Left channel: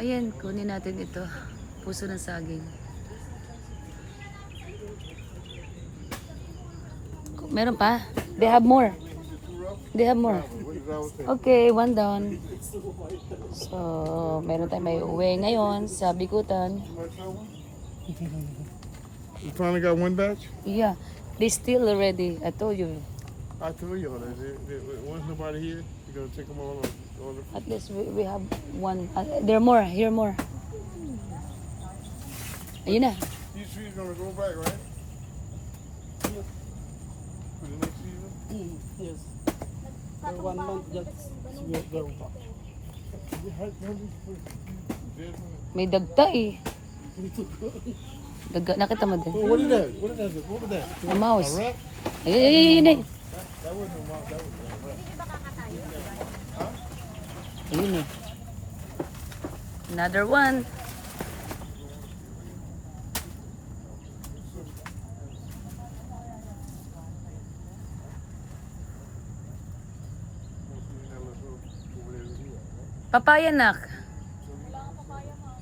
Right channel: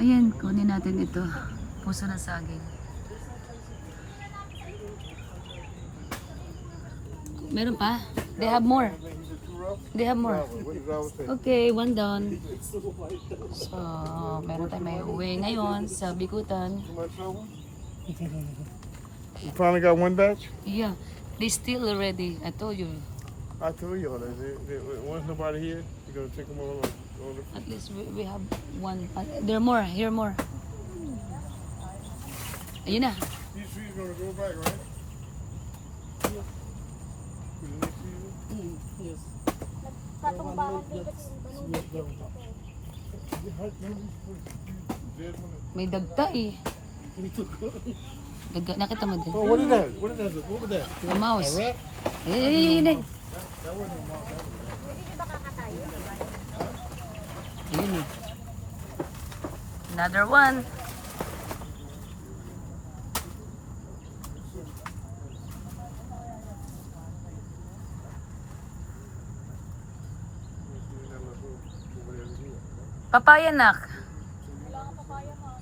Ayan, kunin natin ito. Puso ng saging. Meron pa? They have more. They have more. Okay, one down. So, meron tayong may uwi ngayon sa Bikutan. You finally got one batch? Yeah, they still already. I told you. I told you all that. Once nobody here, you're gonna take them all. At least we have one. There are more. Here more. Ayun na. These trees gonna go back, right? For the next season? Yes. Katumbahan din That's kasi we are very bad. Dead one. May dagta eh. We took Daga, nakita mo din. Oh, what is that? What is that? What was that? The mouse. A rat? Ayun eh. Hindi ba kakatayo? Ayun eh. Another one. Papaya, nak.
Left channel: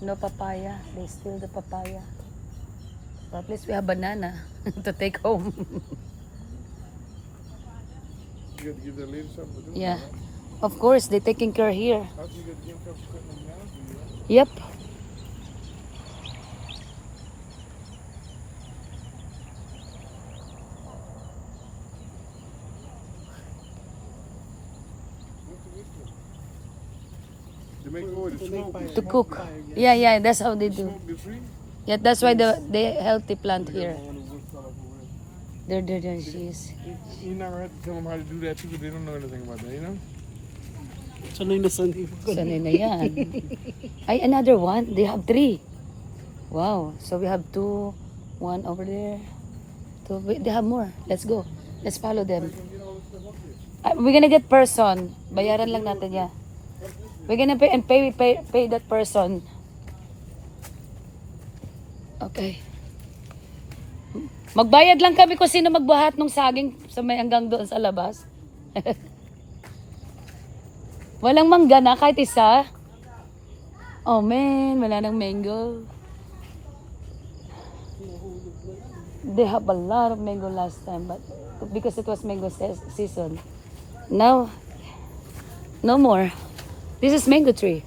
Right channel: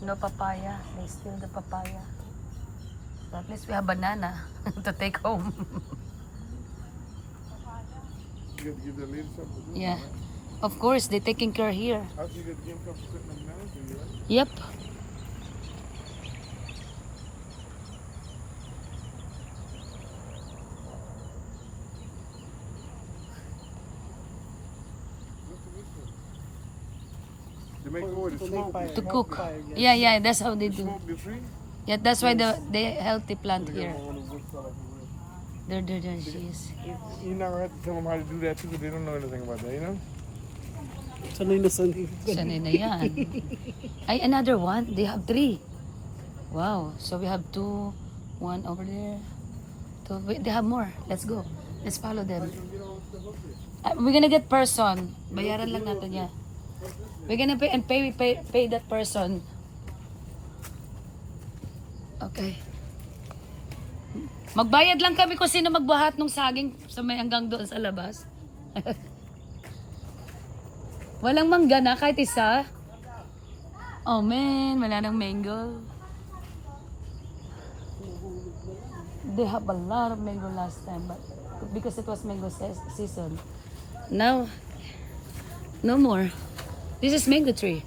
No papaya. They steal the papaya. At least we have banana to take home. You got to give that lady something to do? Yeah. Of course, they're taking care here. How do you get the income for cutting them down for you, right? Yep. To make wood, to smoke. To cook. Yeah, yeah, that's how they do. Smoke the tree? Yeah, that's why they healthy plant here. On the wood side of the wood. There she is. You're not gonna have to tell them how to do that too, because they don't know anything about that, you know? sanay na sanay. Sanay na yan. Ay, another one. They have 3. Wow. So we have 2, 1 over there. 2. Wait, they have more. Let's go. Let's follow them. We're gonna get person. Bayaran lang natin yan. We're gonna pay and pay that person. Okay. Magbayad lang kami kung sino magbuhat ng saging sa may hanggang doon sa labas. Walang mangga na kahit isa. Oh man, wala nang mango. They have a lot of mango last time, but because it was mango season. Now, no more. This is mango tree.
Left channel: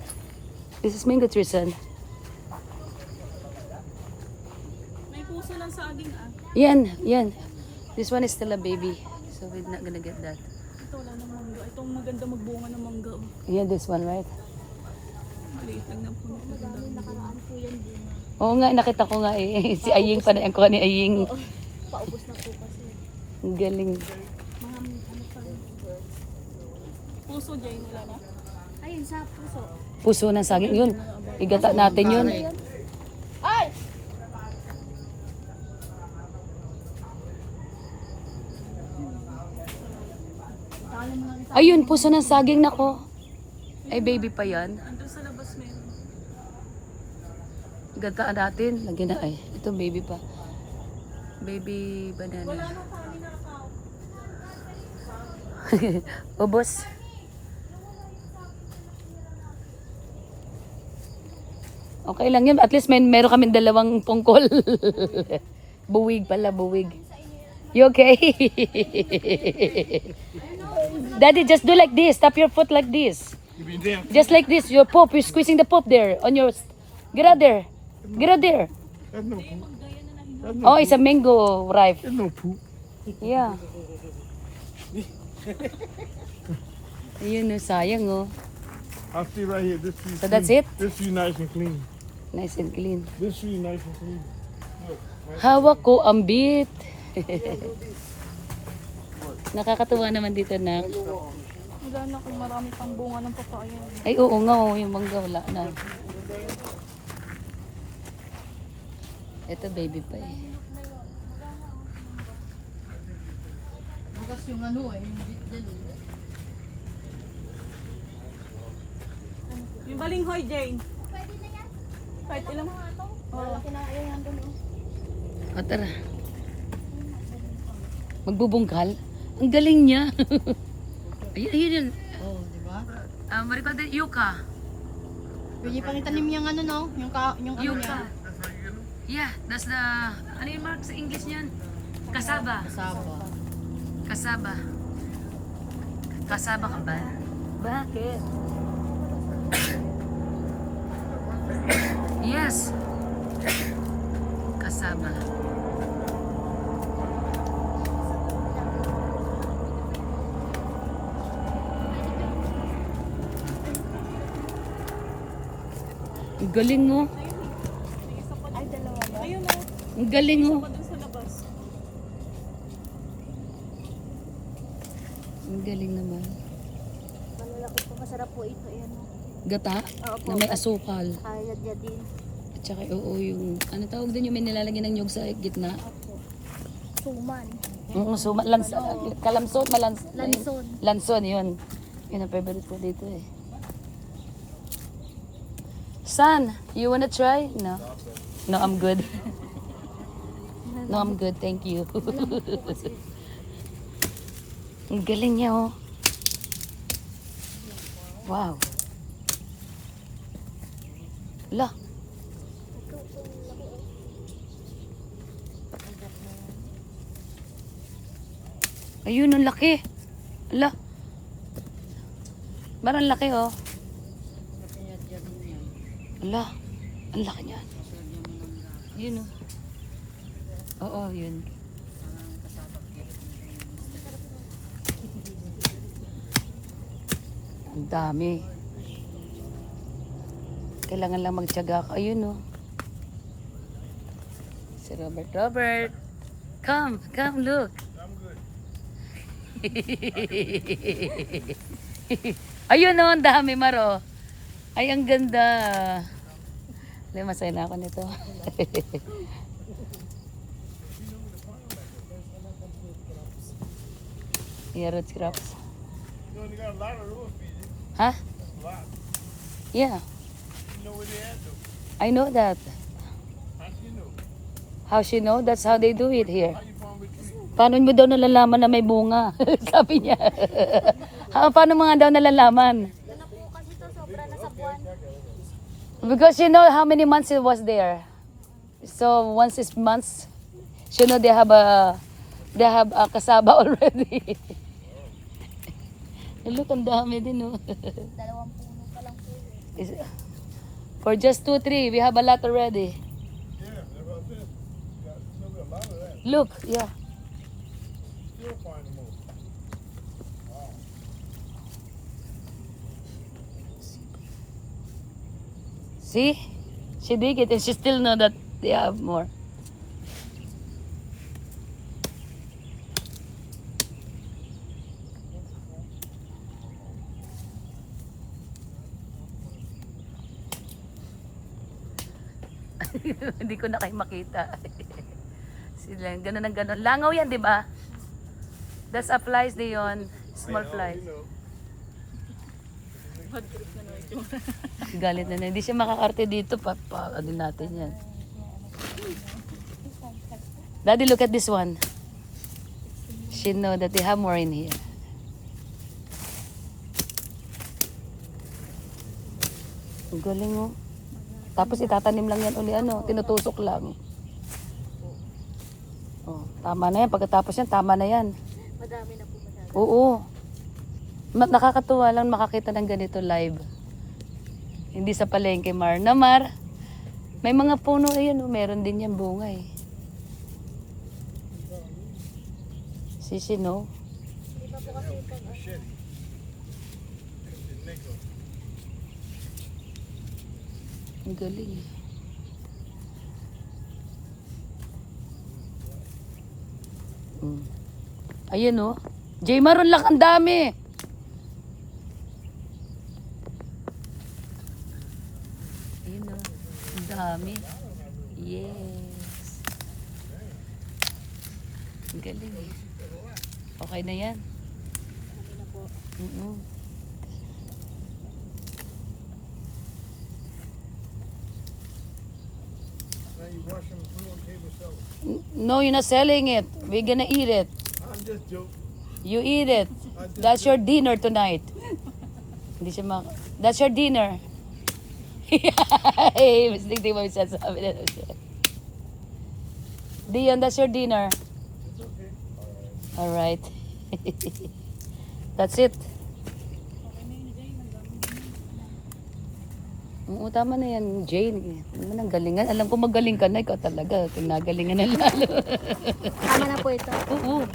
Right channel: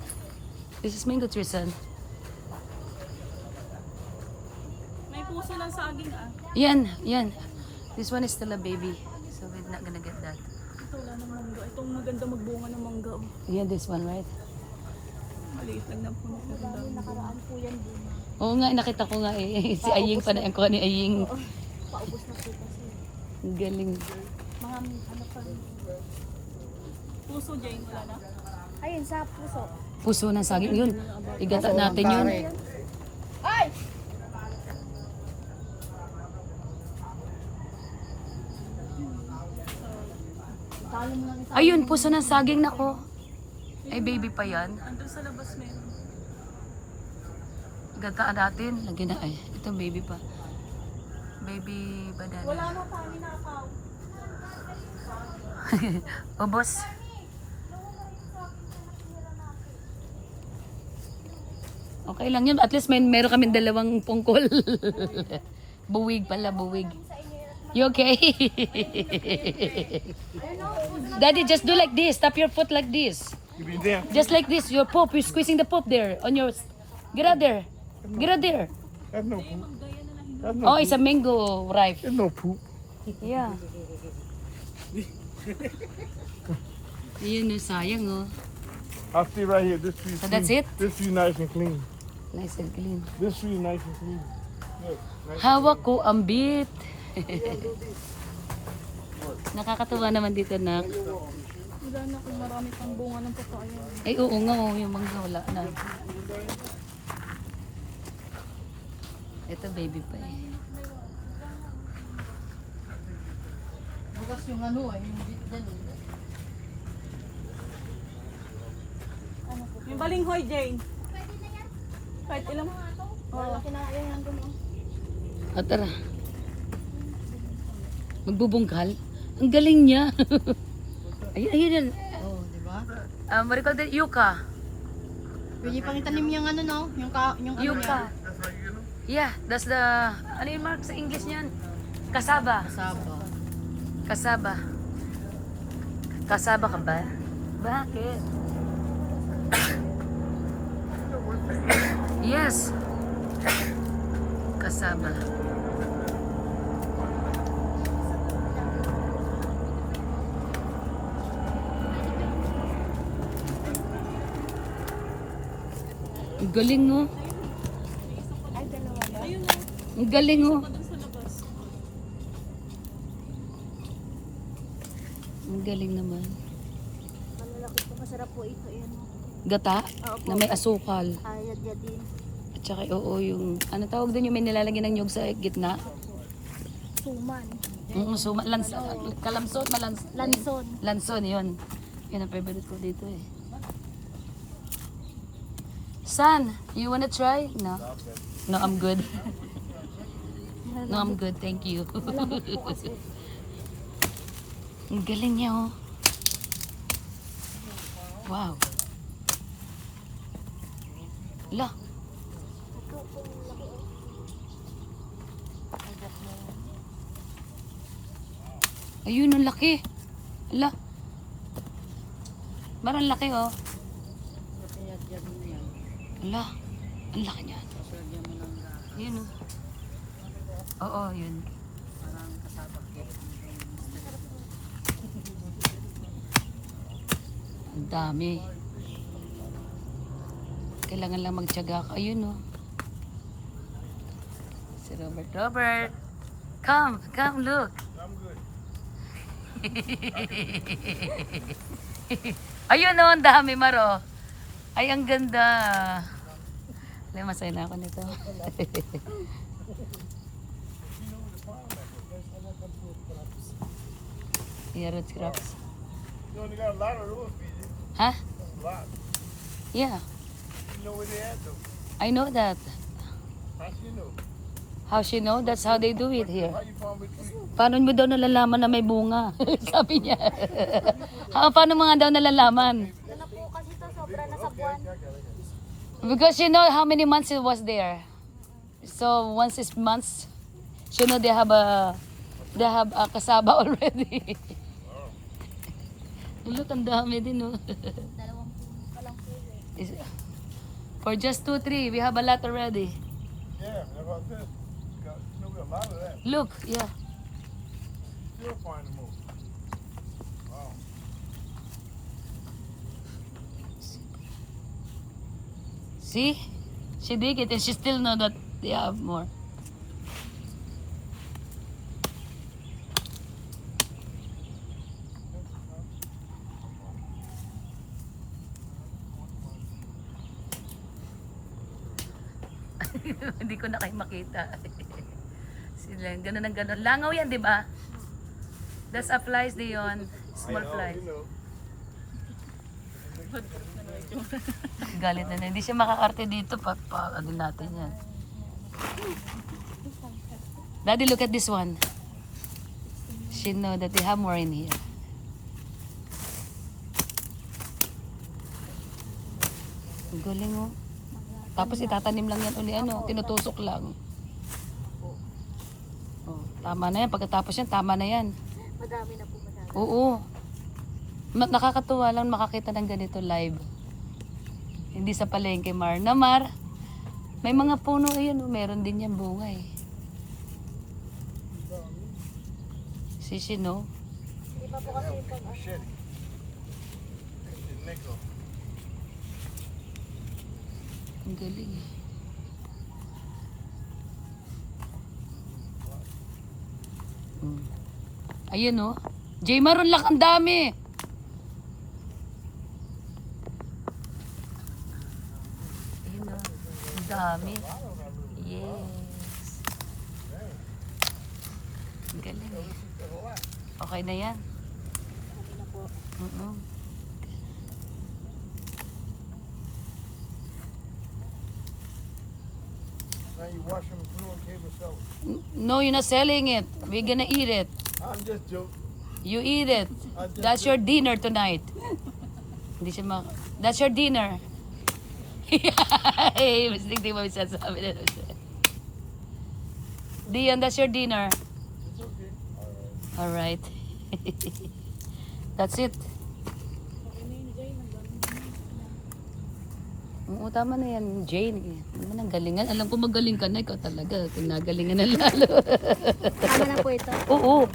This is mango tree, son. May puso ng saging ah. Yan. This one is still a baby, so we're not gonna get that. Ito wala ng mangga. Itong maganda magbunga ng mangga. Oh. Yeah, this one, right? Maliit lang na puno. Maganda. Nakaraan po yan din. Oo nga, nakita ko nga eh. Si Aying pa na ko ni Aying. Paubos na po kasi. Ang galing. Mga ano pa rin. Puso Jane ka na? Ayun sa puso. Puso ng saging yun. Igata natin yun. Ay! Talo mo lang isa. Ayun, puso ng saging nako. Ay, baby pa yan. Andun sa labas meron. Igataan natin. Lagyan na, ay, ito baby pa. Baby banana. Wala na kami na account. Ubos. Okay lang yun. At least meron kami 2 pungkol. Buwig pala, buwig. You okay? Daddy, just do like this. Tap your foot like this. You be damn. Just like this. Your pop. You're squeezing the pop there. On your... Get out there. Get out there. That's no poop. That's no Oh, it's a mango ripe. There's no poop. Yeah. Ayun, sayang oh. I'll see right here. This tree. So that's it? This tree nice and clean. Nice and clean. This tree nice and clean. Look, nice. Hawak ko ang bit. Nakakatuwa naman dito na. Wala na kung marami pang bunga ng papaya. Ay oo nga, oh, yung mangga wala na. Ito baby pa eh. Bukas yung ano eh, yung bit dyan eh. Yung balinghoy Jane. Pwede na yan. Kahit ilang mga ito. Oo. Kinakaya yan doon. O tara. Magbubungkal? Ang galing niya. ayun, ayun yun. Oh, di ba? What do you call that? Yuca. Pwede pang itanim yung ano no? Yung ano niya. Yuca. Yeah, that's the, ano yung mark sa English niyan? Kasaba. Kasaba. Kasaba. Kasaba ka ba? Bakit? Yes. Kasaba. Ang galing mo. Ay, dalawa ba? Ayun Ang galing mo. doon sa labas. Ang galing naman. Malalaki po. Masarap po ito. Ayan o. Gata Opo. na may asukal. Kayad niya din. At saka oo yung, ano tawag doon yung may nilalagyan ng nyug sa gitna? Opo. Suman. Kalamsot na Lanson. Lanson, yun. Yun ang favorite ko dito eh. Son, you wanna try? No. No, I'm good. No, I'm good. Thank you. Malambot po kasi. Ang galing niya oh. Wow. La. Ayun, ang laki. La. Parang laki oh. La. Ang laki niya. Ayun oh. Oo, yun. Ang dami. Kailangan lang magtiyaga ka. Ayun oh. Si Robert. Robert! Come, look. I'm good. Ayun oh, ang dami, Maro. Ay, ang ganda. Hindi, masaya na ako nito. Yeah, root crops. You only got a lot of those, BJ. Huh? A lot. Yeah, You know where they at, though. I know that. How you know? How she know? That's how they do it here. How you farm with trees? Paano mo daw nalalaman na may bunga? Sabi niya. Paano mga daw nalalaman? Ano po kasi ito? Sobra na sa buwan. Because you know how many months it was there. So once it's months, you know they have a kasaba already. Look, ang dami din oh. 2 puno pa lang po yun. For just 2-3, we have a lot already. Yeah, that's what I said. Got still got a lot of that. Look, yeah. Still finding more. Wow. See? She dig it and she still know that they have more. Hindi ko na kayo makita. Sila, ganun ang ganun. Langaw yan, di ba? That's a flies day yun. Small flies. You know. Galit na na. Hindi siya makakarte dito. Ano natin yan. Daddy, look at this one. She know that they have more in here. Ang galing mo. Tapos itatanim lang yan uli. Ano, tinutusok lang. Oh, tama na yan. Pagkatapos yan, tama na yan. Madami na po madami. Oo. Nakakatuwa lang makakita ng ganito live. Hindi sa palengke, Mar. Na, Mar, may mga puno yan. Oh. Meron din yan bunga eh. Sisi, no? Hindi pa po kasi pag ano. Machete. Take the neck off. Ang galing eh. Ayan oh. J. Maron lang, ang dami. Ayan oh. Ang dami. Yes. Ang galing eh. Okay na yan. Okay na po. Mm-mm. Now you wash them through and came and sell them. No, you're not selling it. We're gonna eat it. I'm just joking. You eat it. I just That's your dinner tonight. Hindi siya That's your dinner. Mas di ba sasabi na siya. Dion, that's your dinner. Alright. That's it. Oo, tama na yan, Jane. Ano nang galingan? Alam ko magaling ka na, ikaw talaga. Kung nagalingan na lalo. Tama na po ito. Oo.